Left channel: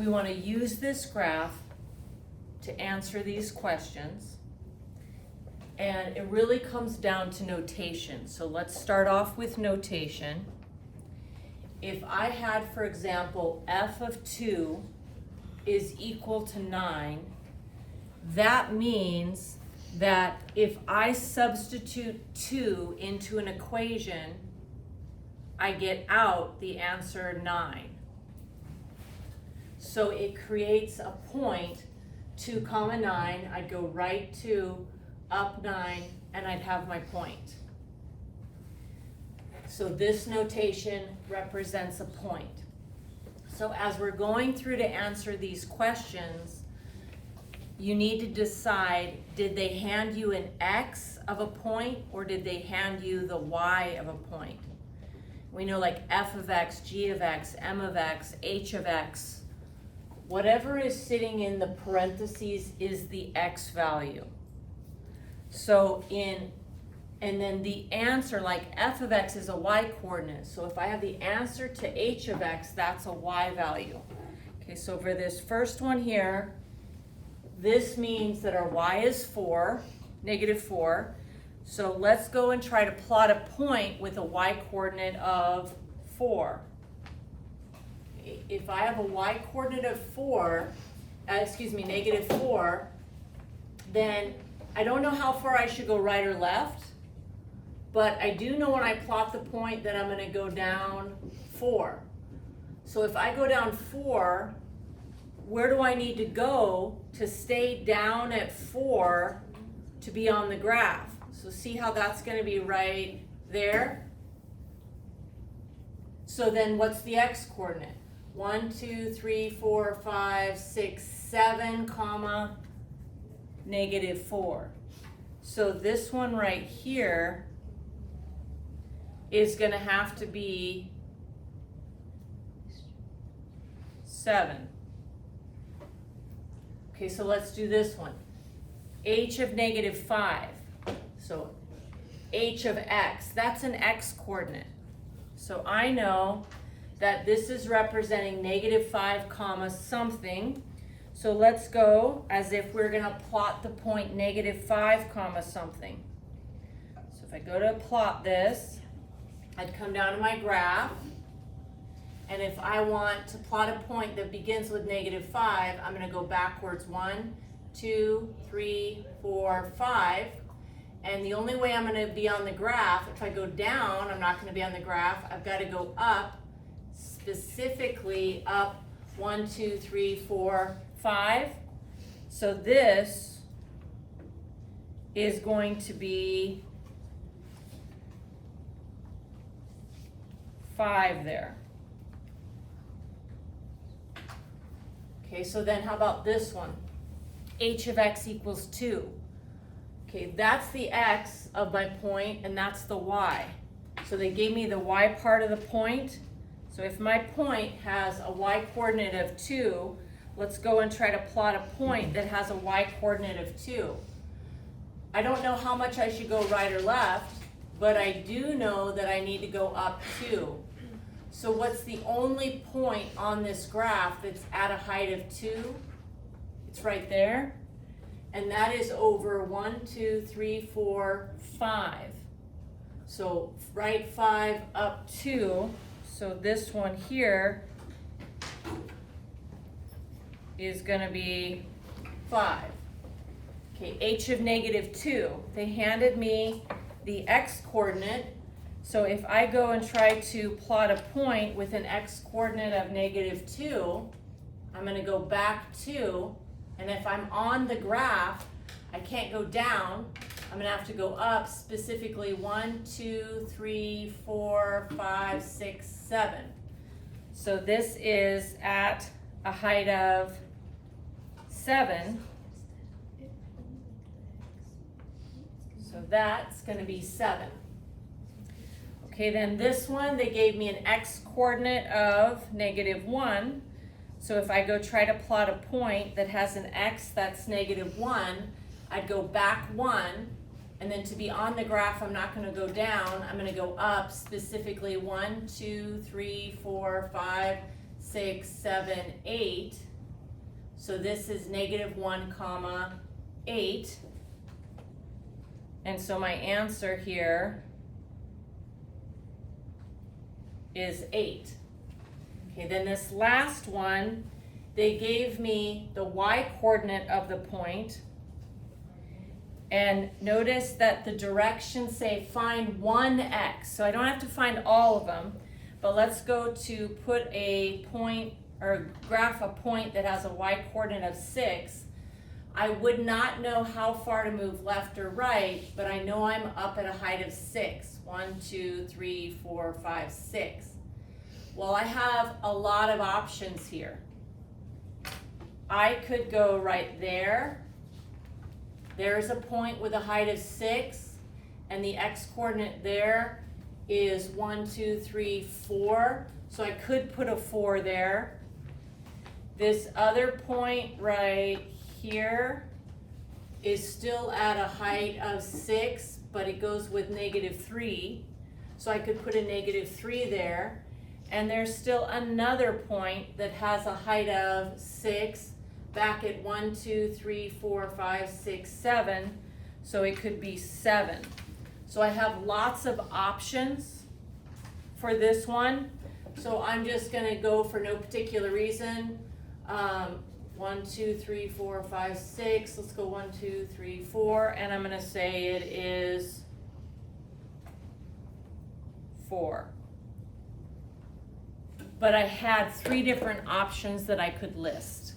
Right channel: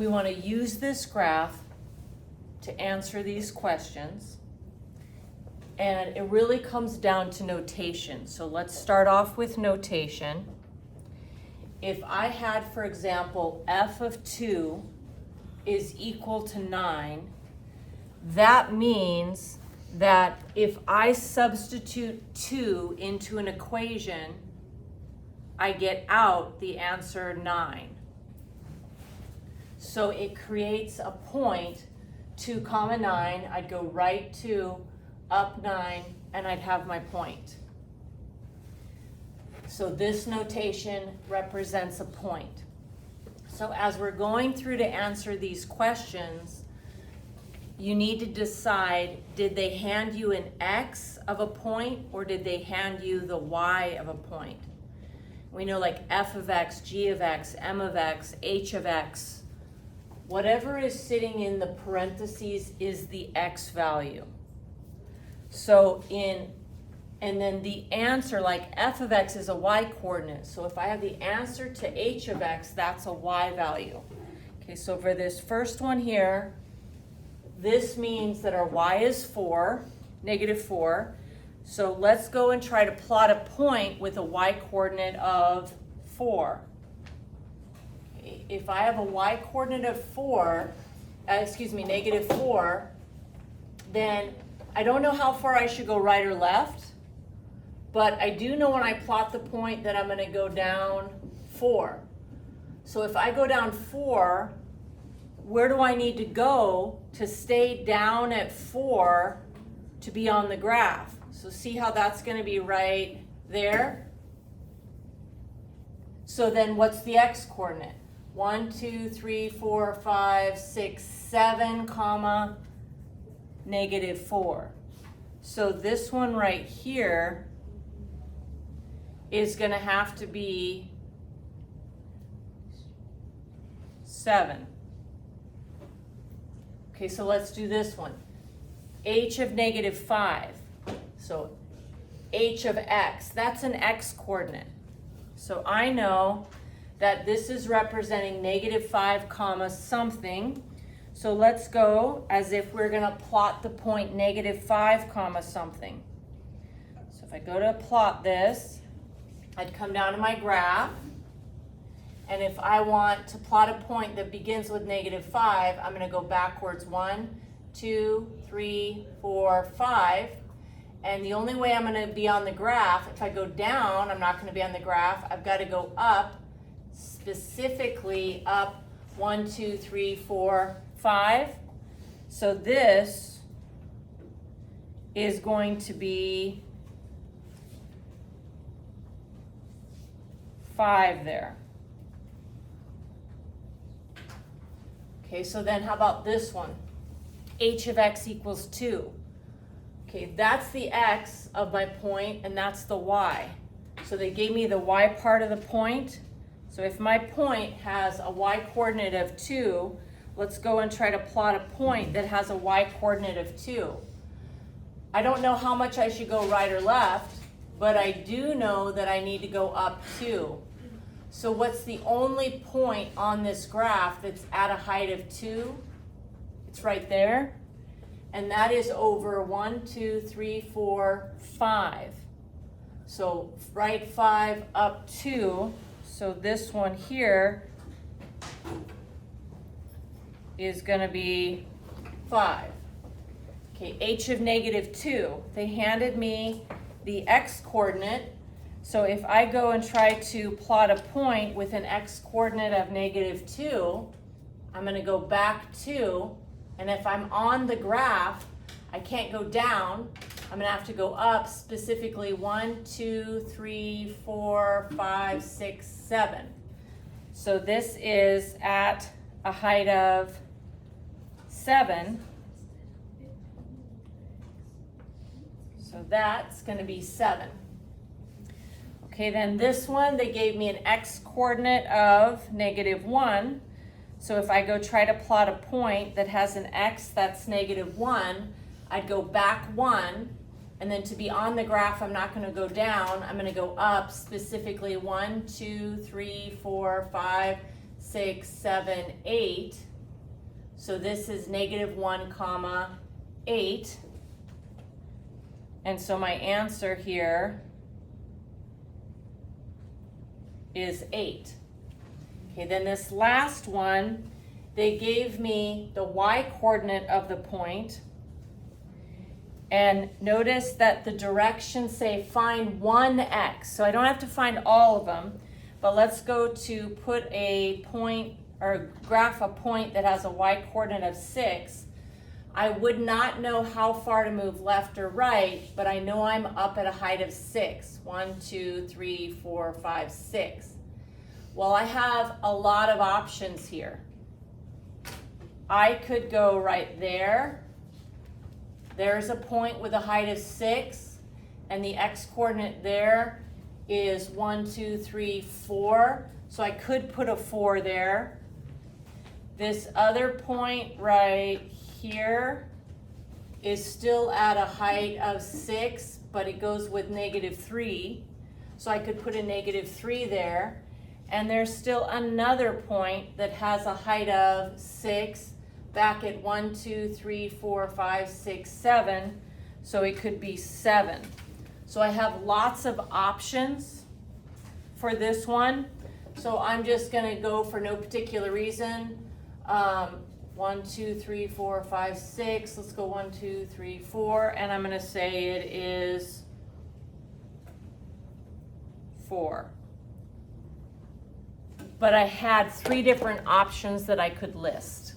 we want to use this graph to answer these questions. And it really comes down to notation. So let's start off with notation. If I had, for example, f of 2 is equal to 9, that means that if I substitute 2 into an equation, I get out the answer 9. So it creates a point, 2 comma 9, I'd go right 2, up 9, and I'd have my point. So this notation represents a point. So as we're going through to answer these questions, you need to decide, did they hand you an x of a point or did they hand you the y of a point? We know like f of x, g of x, m of x, h of x. Whatever is sitting in the parentheses is the x value. So and then the answer, like f of x is a y coordinate. So if I have the answer to h of x, that's a y value. Okay, so for this first one here, this means that our y is 4, negative 4. So let's go and try to plot a point with a y coordinate of 4. If I have a y coordinate of 4, negative 4, then I don't know how far I should go right or left, but I do know when I plot the point that I'm going to go down 4. So if I go down 4, where do I need to go to stay down at 4 to be on the graph? So see how that's going to be right there? So then what's the x coordinate? 1, 2, 3, 4, 5, 6, 7, comma, negative 4. So this one right here is going to have to be 7. Okay, so let's do this one. H of negative 5. So h of x, that's an x coordinate. So I know that this is representing negative 5 comma something. So let's go as if we're going to plot the point negative 5 comma something. So if I go to plot this, I'd come down to my graph. And if I want to plot a point that begins with negative 5, I'm going to go backwards 1, 2, 3, 4, 5. And the only way I'm going to be on the graph, if I go down, I'm not going to be on the graph. I've got to go up, specifically up 1, 2, 3, 4, 5. So this is going to be 5 there. Okay, so then how about this one? H of x equals 2. Okay, that's the x of my point, and that's the y. So they gave me the y part of the point. So if my point has a y coordinate of 2, let's go and try to plot a point that has a y coordinate of 2. I don't know how much I should go right or left, but I do know that I need to go up 2. So what's the only point on this graph that's at a height of 2? It's right there. And that is over 1, 2, 3, 4, 5. So right 5 up 2. So this one here is going to be 5. Okay, h of negative 2. They handed me the x coordinate. So if I go and try to plot a point with an x coordinate of negative 2, I'm going to go back 2. And if I'm on the graph, I can't go down. I'm going to have to go up, specifically 1, 2, 3, 4, 5, 6, 7. So this is at a height of 7. So that's going to be 7. Okay, then this one, they gave me an x coordinate of negative 1. So if I go try to plot a point that has an x that's negative 1, I'd go back 1. And then to be on the graph, I'm not going to go down. I'm going to go up, specifically 1, 2, 3, 4, 5, 6, 7, 8. So this is -1, 8. And so my answer here is 8. Okay, then this last one, they gave me the y-coordinate of the point. And notice that the directions say find one x. So I don't have to find all of them, but let's go to put a point or graph a point that has a y-coordinate of 6. I would not know how far to move left or right, but I know I'm up at a height of 6. 1, 2, 3, 4, 5, 6. Well, I have a lot of options here. I could go right there. There's a point with a height of 6, and the x-coordinate there is 1, 2, 3, 4. So I could put a 4 there. This other point right here is still at a height of 6, but it goes with -3. So I could put a -3 there. And there's still another point that has a height of 6 back at 1, 2, 3, 4, 5, 6, 7. So it could be 7. So I have lots of options for this one. So I'm just gonna go for no particular reason. 1, 2, 3, 4, 5, 6. Let's go 1, 2, 3, 4. And I'm gonna say it is 4. But I had 3 different options that I could list.